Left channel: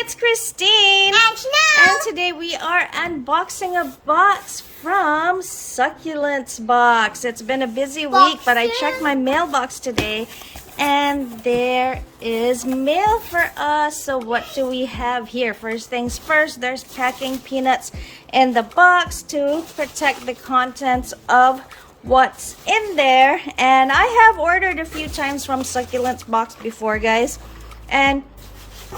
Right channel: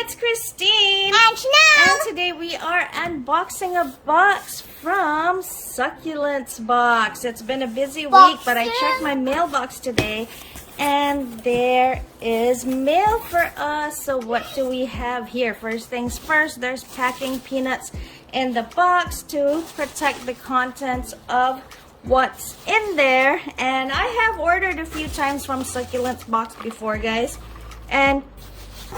it's Christine. And Chanel. And today we are unboxing a box from Succulents Box. It's been a busy week, but I checked my mailbox today and there is mail for us. So what do we have here? First things first, there's packing peanuts in the box to protect the contents of what's in there. And I have ordered a few times from Succulents Box before, guys, and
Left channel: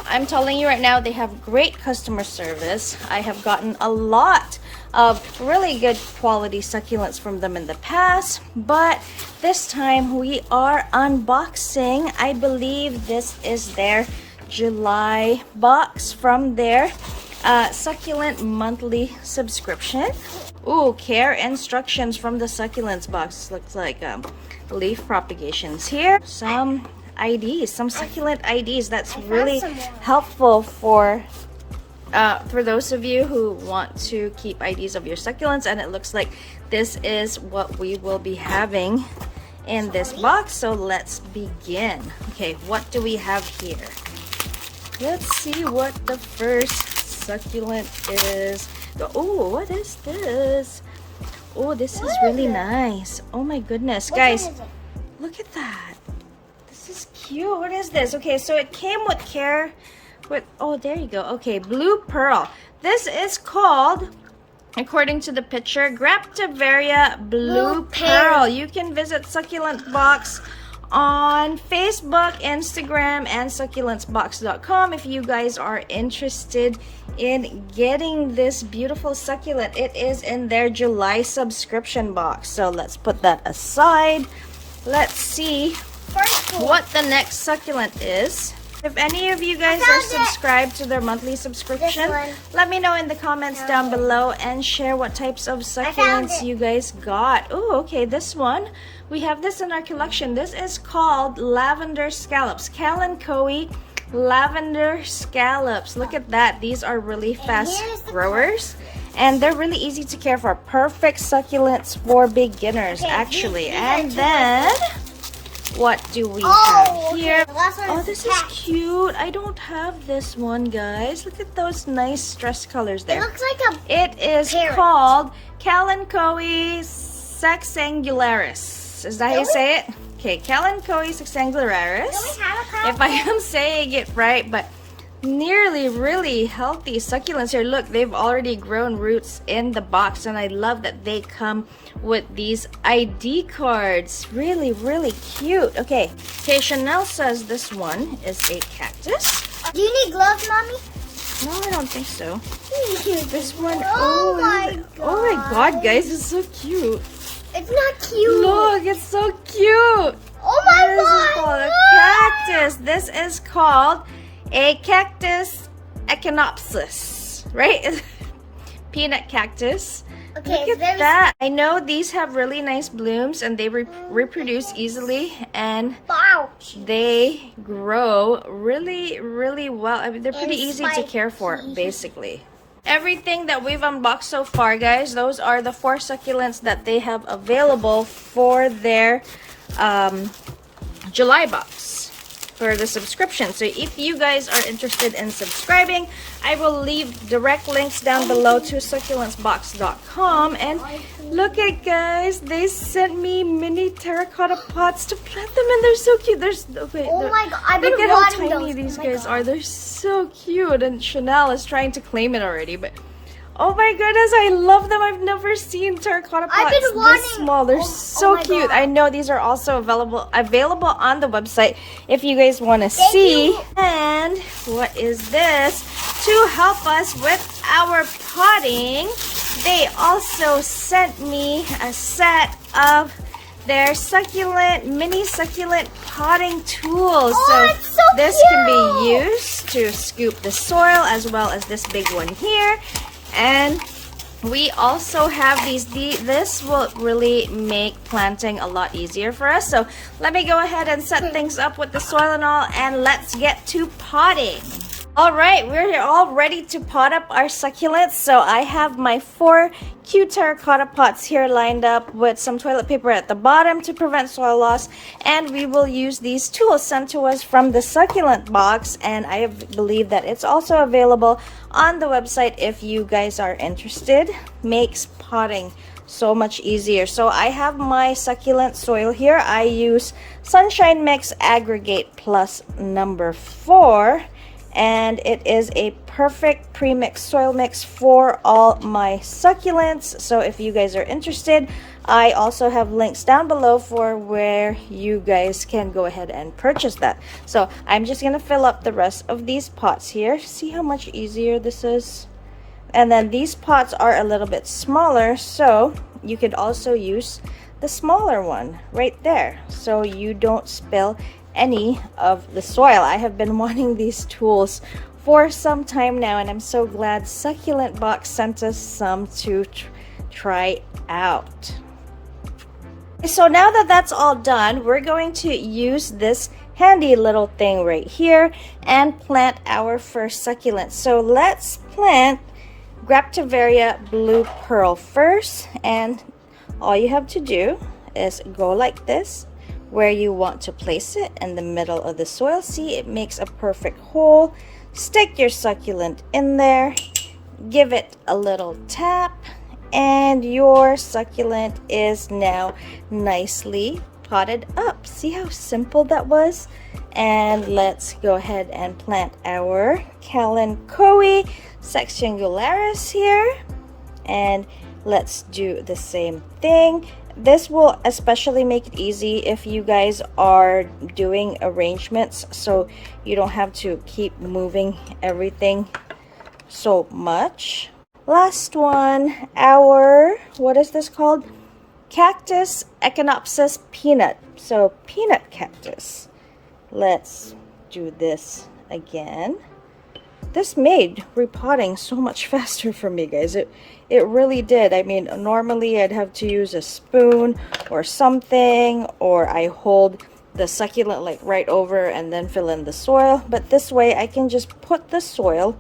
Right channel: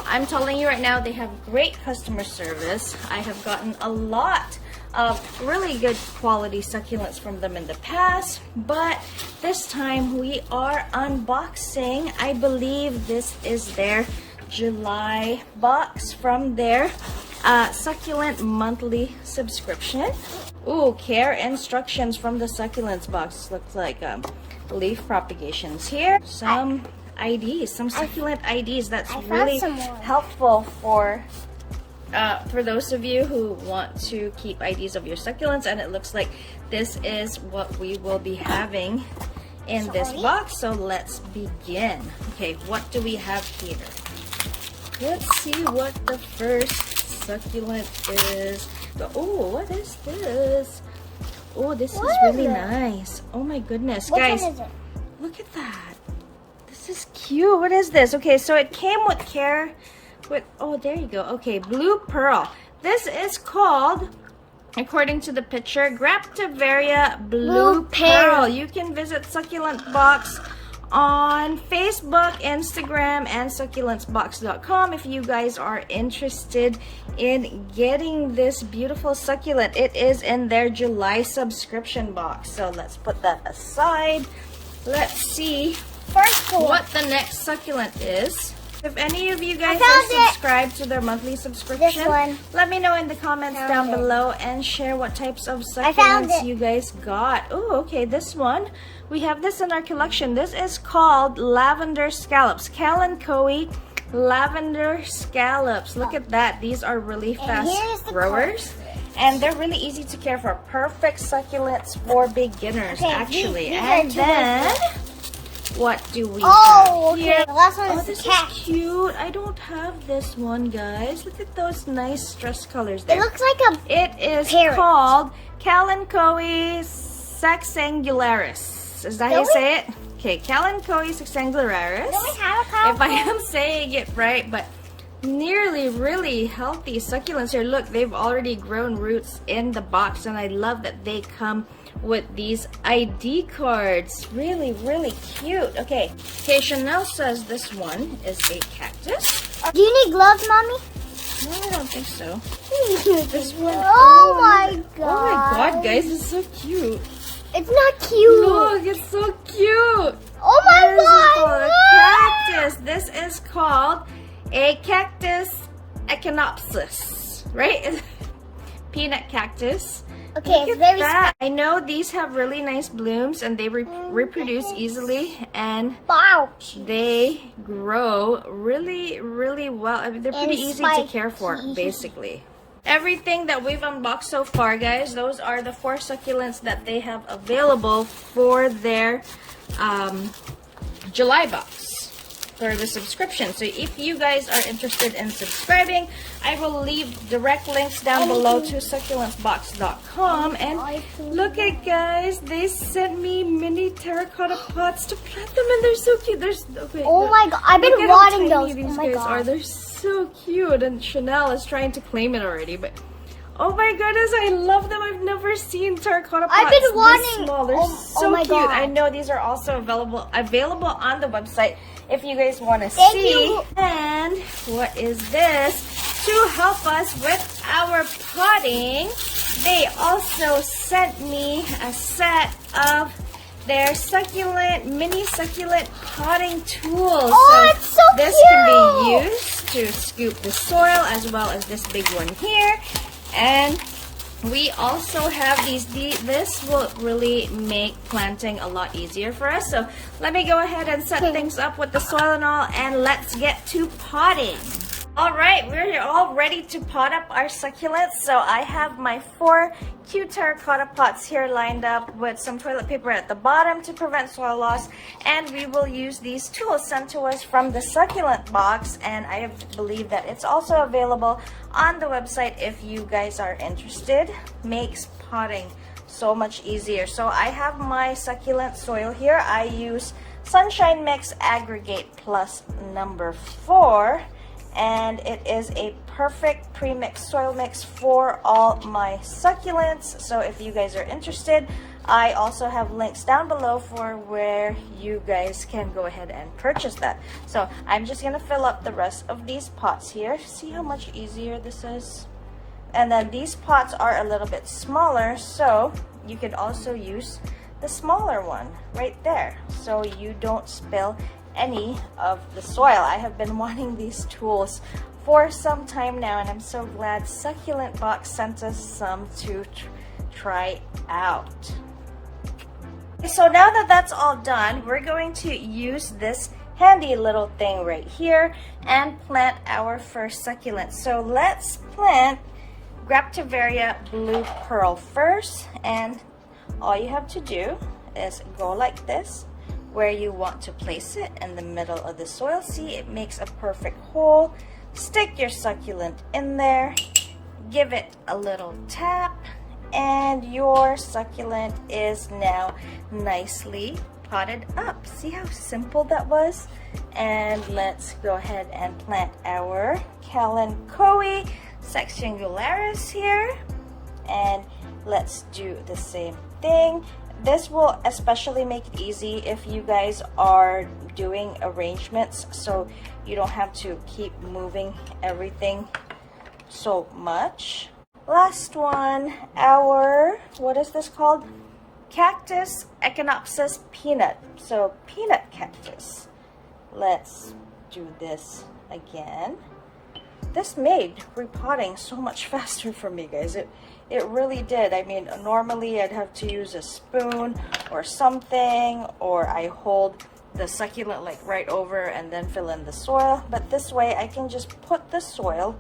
I'm telling you right now, they have great customer service. I have gotten a lot of really good quality succulents from them in the past, but this time we are unboxing, I believe this is their July box from their succulent monthly subscription. Ooh, care instructions from the Succulents Box. Looks like leaf propagations here. Some IDs, some succulent IDs. That's really helpful for those of you who want to keep IDs of your succulents. And it looks like this is what we will be having in this box. So let's begin. Okay, what do we have here? Let's see what the first succulent is. Oh, what is this? Oh, this is really nice. Oh my goodness, guys, look at that. This is cute. What is this? Okay, so it came with care with, oh, there you go. Okay, blue pearl. This is called, according to the picture, Graptivaria blue pearl. You can visit Succulent Box on Facebook, Instagram, and succulentsbox.com if you guys are interested in getting this beautiful succulent. It is in their July subscription box. So let's put that aside. Let's see what the next succulent is. If any of you guys are subscribed to their monthly subscription, let me know in the comments down below and share what types of succulents you guys got. Oh, okay, this one. We have this in our collection. This is called Lavender Scallops. Kalanchoe Lavender Scallops. Look at that. These are really fast growers. And they're really easy to care for. Perfect succulents for beginners, actually. And then, what do we have here? Oh, this is cute. I don't have this one, guys. Look at those nice stress colors there. It looks like a It is called Kalanchoe sexangularis. Is that how you say it? Okay, Kalanchoe sexangularis. If I am saying it right, but nearly really healthy succulents here. Look, they've already grown roots in the box, and I love that they come with these ID cards. Really, really cute. Okay, Chanel says this one is a cactus. Do you need gloves, Mommy? No, I don't think so. This one, oh my god. Oh my god, guys, it's so cute. It's not cute. Look, it's so cute. Oh my god. This is called a cactus. This is called a Cactus Econopsis, right? Peanut cactus. Okay, look at that. I know these have really nice blooms and they reproduce easily, and they grow really, really well. I mean, they're pretty easy to care for, basically. Everything that we've unboxed so far, guys, those are the 4 succulents that they have available for their July box for the subscription. So if you guys are interested in subscribing, I will leave direct links down below to succulentsbox.com. And look at, guys, they sent me mini terracotta pots to plant them, and they're so cute. Oh my god, I've been look at how wanting tiny those. these guys are. They're so cute, and Chanel is trying to claim it already, but oh my goodness, I love them. I've never seen terracotta pots this small. They're so cute. I know these are also available on the website if you guys want to see. And what is this? To help us with our potting, they also sent me a set of their mini succulent potting tools. So this can be used to scoop the soil, as well as this big one here. And we also have these. This will really make planting a lot easier for us. So let me go ahead and set things up with the soil and all, and let's get to potting. All right, we're all ready to pot up our succulents. So I have my 4 cute terracotta pots here lined up with some toilet paper at the bottom to prevent soil loss. And we will use these tools sent to us from the succulent box. And I believe that it's also available on the website if you guys are interested. Makes potting so much easier. So I have my succulent soil here. I use Sunshine Mix Aggregate Plus number 4. And it is a perfect pre-mixed soil mix for all my succulents. So if you guys are interested, I also have links down below for where you guys can go ahead and purchase that. So I'm just gonna fill up the rest of these pots here. See how much easier this is? And then these pots are a little bit smaller, so you could also use the smaller one right there so you don't spill any of the soil. I have been wanting these tools for some time now, and I'm so glad Succulent Box sent us some to try out. So now that that's all done, we're going to use this handy little thing right here and plant our first succulent. So let's plant Graptivaria Blue Pearl first, and all you have to do is go like this where you want to place it in the middle of the soil. See, it makes a perfect hole. Stick your succulent in there, give it a little tap, and your succulent is now nicely potted up. See how simple that was? And let's go ahead and plant our Kalanchoe sexangularis here, and let's do the same thing. This will especially make it easy if you guys are doing arrangements, so you don't have to keep moving everything so much. Last one, our, what is this called? Cactus Econopsis peanut. So peanut cactus. Let's do this again. This made repotting so much faster for me, guys. It really did. I mean, normally I'd have to use a spoon or something, or I hold the succulent like right over and then fill in the soil. But this way I can just put the soil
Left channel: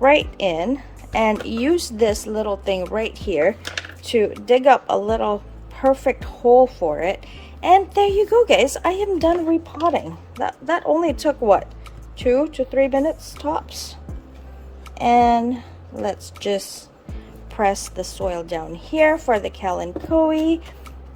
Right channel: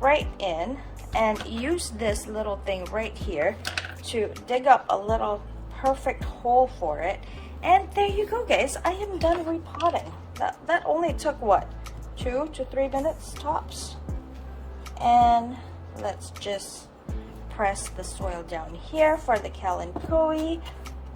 right in and use this little thing right here to dig up a little perfect hole for it. And there you go, guys. I am done repotting. That only took what, 2 to 3 minutes tops. And let's just press the soil down here for the Kalanchoe,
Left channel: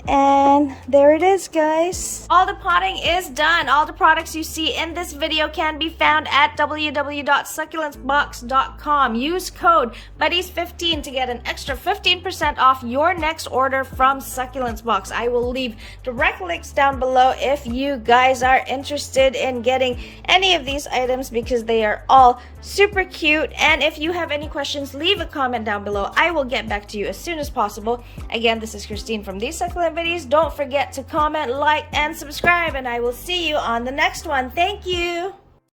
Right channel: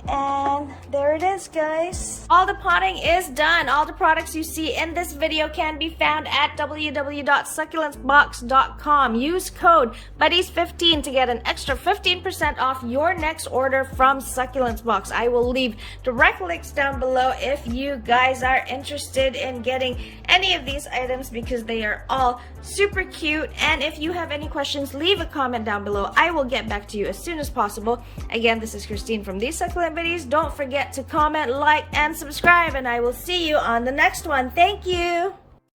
and there it is, guys. All the potting is done. All the products you see in this video can be found at www.succulentsbox.com. Use code BUDDIES15 to get an extra 15% off your next order from Succulents Box. I will leave direct links down below if you guys are interested in getting any of these items, because they are all super cute. And if you have any questions, leave a comment down below. I will get back to you as soon as possible. Again, this is Christine from These Succulent Videos. Don't forget to comment, like, and subscribe, and I will see you on the next one. Thank you.